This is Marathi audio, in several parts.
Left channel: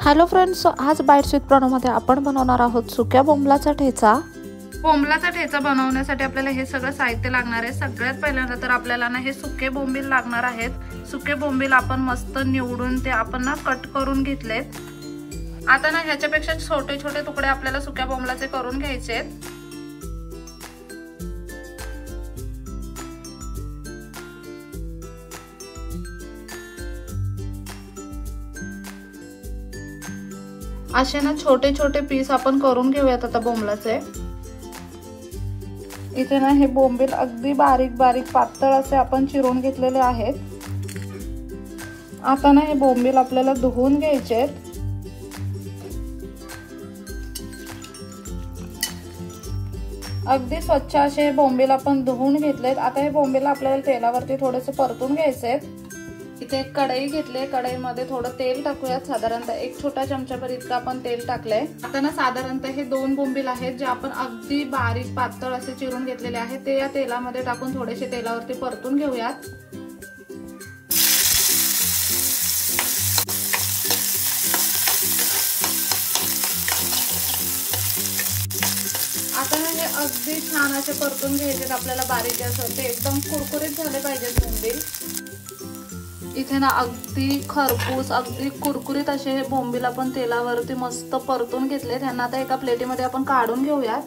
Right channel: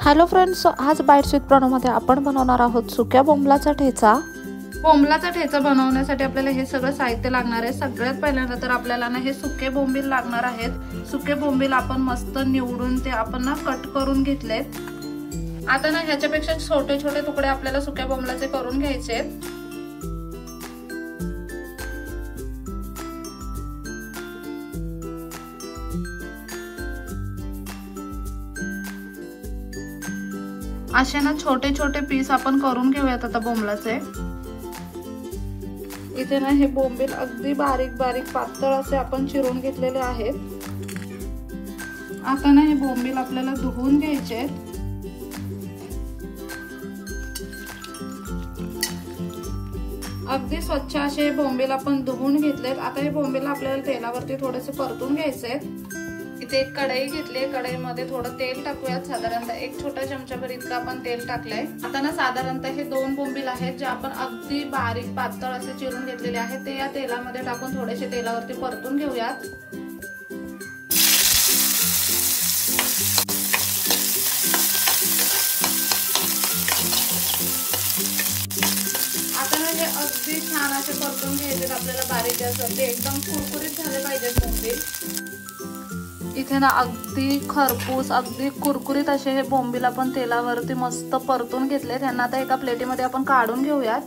हॅलो फ्रेंड्स, आज बाईट्स विथ प्रणवमध्ये आपण बनवणार आहोत सुक्या बोंबलाचा ठेचा। बोंबलाचा ठेचा बनवण्यासाठी आपल्याला हे सगळं साहित्य लागणार आहे। सगळ्यात पहिल्यांदा तर आपल्याला ना हे सुके बोंबील लागणार आहेत। सुके बोंबील आपण मस्त निवडून ते आपण ना कट करून घेतलेत। आता ना ह्याच्यापेक्षा छोटे छोटे तुकडे आपल्याला सुक्या बोंबलाचे करून घ्यायचे आहेत। असे ना छोटे छोटे पीस आपण करून घेऊयात आता बोंबलाचे। इथे ना हे बोंबील अगदी बारीक बारीक पातळ असे आपण चिरून घेतलेले आहेत। आता ना हे बोंबील आपल्याला धुवून घ्यायचे आहेत। अगदी स्वच्छ असे हे बोंबील आपण धुवून घेतलेत। आता हे बोंबील आपल्याला तेलावरती थोडेसे परतून घ्यायचे आहेत। इथे एक कढई घेतली आहे। कढईमध्ये थोडं तेल टाकूयात। साधारणतः एक छोटा चमचाभर इतकं आपण तेल टाकलंय। आता ना साधारणतः हे 2 बोंबील आहेत जे आपण अगदी बारीक पातळ असे चिरून घेतलेले आहेत, ते या तेलामध्ये टाकून थोडेसे तेलावरती परतून घेऊयात। आता ना हे अगदी छान असे परतून घ्यायचे आपल्याला बारीक असं, ते एकदम कुरकुरीत झाले पाहिजेत बोंबील। इथे ना अगदी खरपूस अगदी कुरकुरीत असे हे बोंबील आपण तेलावरती मस्त परतून घेतले। त्यांना आता एका प्लेटीमध्ये आपण काढून घेऊयात।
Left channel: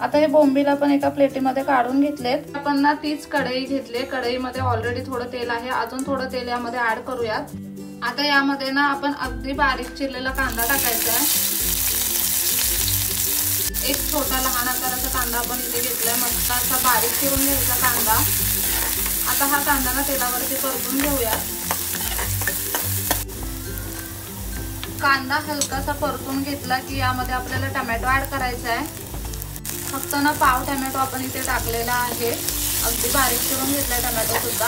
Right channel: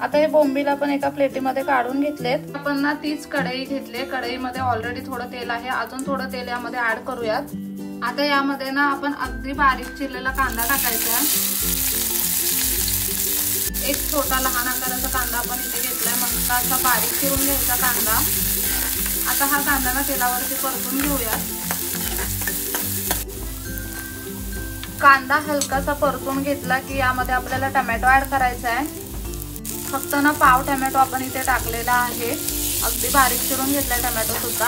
आता हे बोंबील आपण एका प्लेटीमध्ये काढून घेतलेत। आपण ना तीच कढई घेतली। कढईमध्ये ऑलरेडी थोडं तेल आहे, अजून थोडं तेल यामध्ये ऍड करूयात। आता यामध्ये ना आपण अगदी बारीक चिरलेला कांदा टाकायचा आहे। एक छोटा लहान आकाराचा कांदा आपण इथे घेतलाय, मस्त असा बारीक चिरून घ्यायचा कांदा। आता हा कांदा ना तेलावरती परतून घेऊयात। कांदा हलकासा परतून घेतला की यामध्ये आपल्याला टोमॅटो ऍड करायचा आहे। फक्त ना पाव टोमॅटो आपण इथे टाकलेला आहे, अगदी बारीक चिरून घेतलाय टोमॅटो सुद्धा।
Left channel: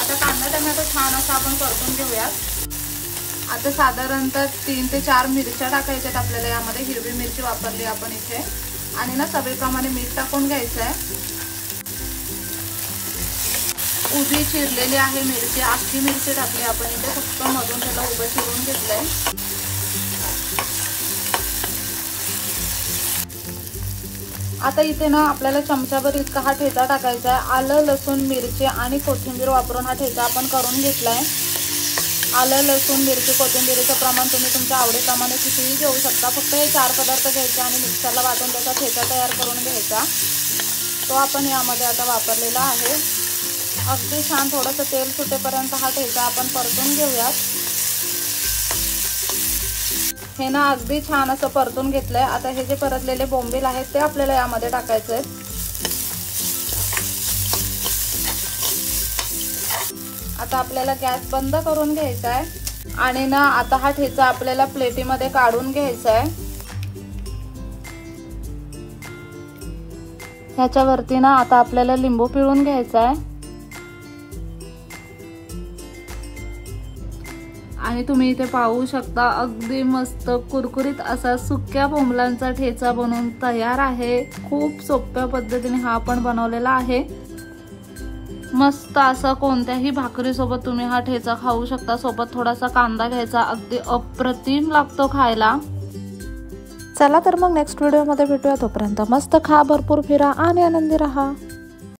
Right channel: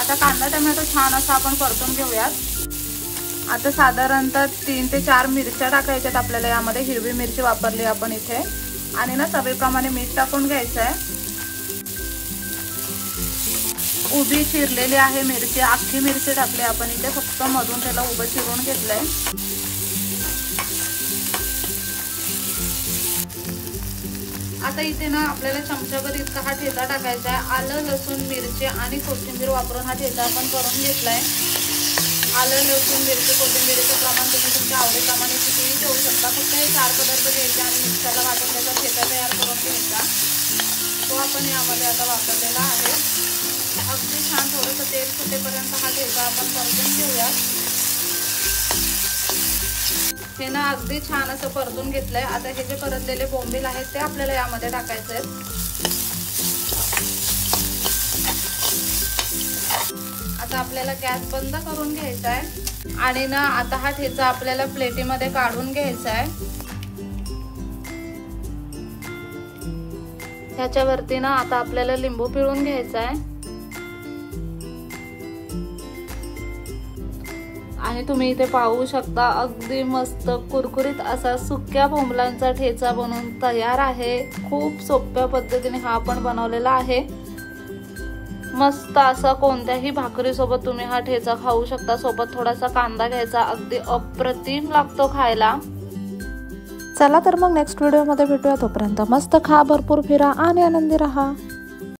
आता कांदा टोमॅटो छान असा आपण परतून घेऊयात। आता साधारणतः 3 ते 4 मिरच्या टाकायच्यात आपल्याला यामध्ये। हिरवी मिरची वापरली आपण इथे, आणि ना चवीप्रमाणे मीठ टाकून घ्यायचं आहे। उभी चिरलेली आहे मिरची, अख्खी मिरची टाकली आपण इथे, फक्त मधून त्याला उभं चिरून घेतलंय। आता इथे ना आपल्याला चमचाभर इतका हा ठेचा टाकायचा आहे। आलं लसूण मिरची आणि कोथिंबीर वापरून हा ठेचा आपण करून घेतलाय। आलं लसूण मिरची कोथिंबीरचं प्रमाण तुम्ही तुमच्या आवडीप्रमाणे कितीही घेऊ शकता। फक्त हे 4 पदार्थ घ्यायचे आणि मिक्सरला वाटून त्याचा ठेचा तयार करून घ्यायचा, तो आपण यामध्ये आता वापरलेला आहे। अगदी छान थोडंसं तेल सुटेपर्यंत हा ठेचा आपण परतून घेऊयात। हे ना अगदी छान असं परतून घेतलंय। आता हे जे परतलेले बोंबील आहेत ते आपल्याला यामध्ये टाकायचे आहेत। आता आपल्याला गॅस बंद करून घ्यायचा आहे आणि ना आता हा ठेचा आपल्याला प्लेटीमध्ये काढून घ्यायचा आहे। ह्याच्यावरती ना आता आपल्याला लिंबू पिळून घ्यायचा आहे। आणि तुम्ही इथे पाहू शकता अगदी मस्त कुरकुरीत असा सुक्या बोंबलांचा ठेचा बनवून तयार आहे। खूप सोप्या पद्धतीने हा आपण बनवलेला आहे। मस्त असा कोणत्याही भाकरी सोबत तुम्ही हा ठेचा खाऊ शकता। सोबत थोडासा कांदा घ्यायचा, अगदी अप्रतिम लागतो खायला। चला तर मग नेक्स्ट व्हिडिओ मध्ये भेटूया। तोपर्यंत मस्त खा, भरपूर फिरा आणि आनंदी राहा।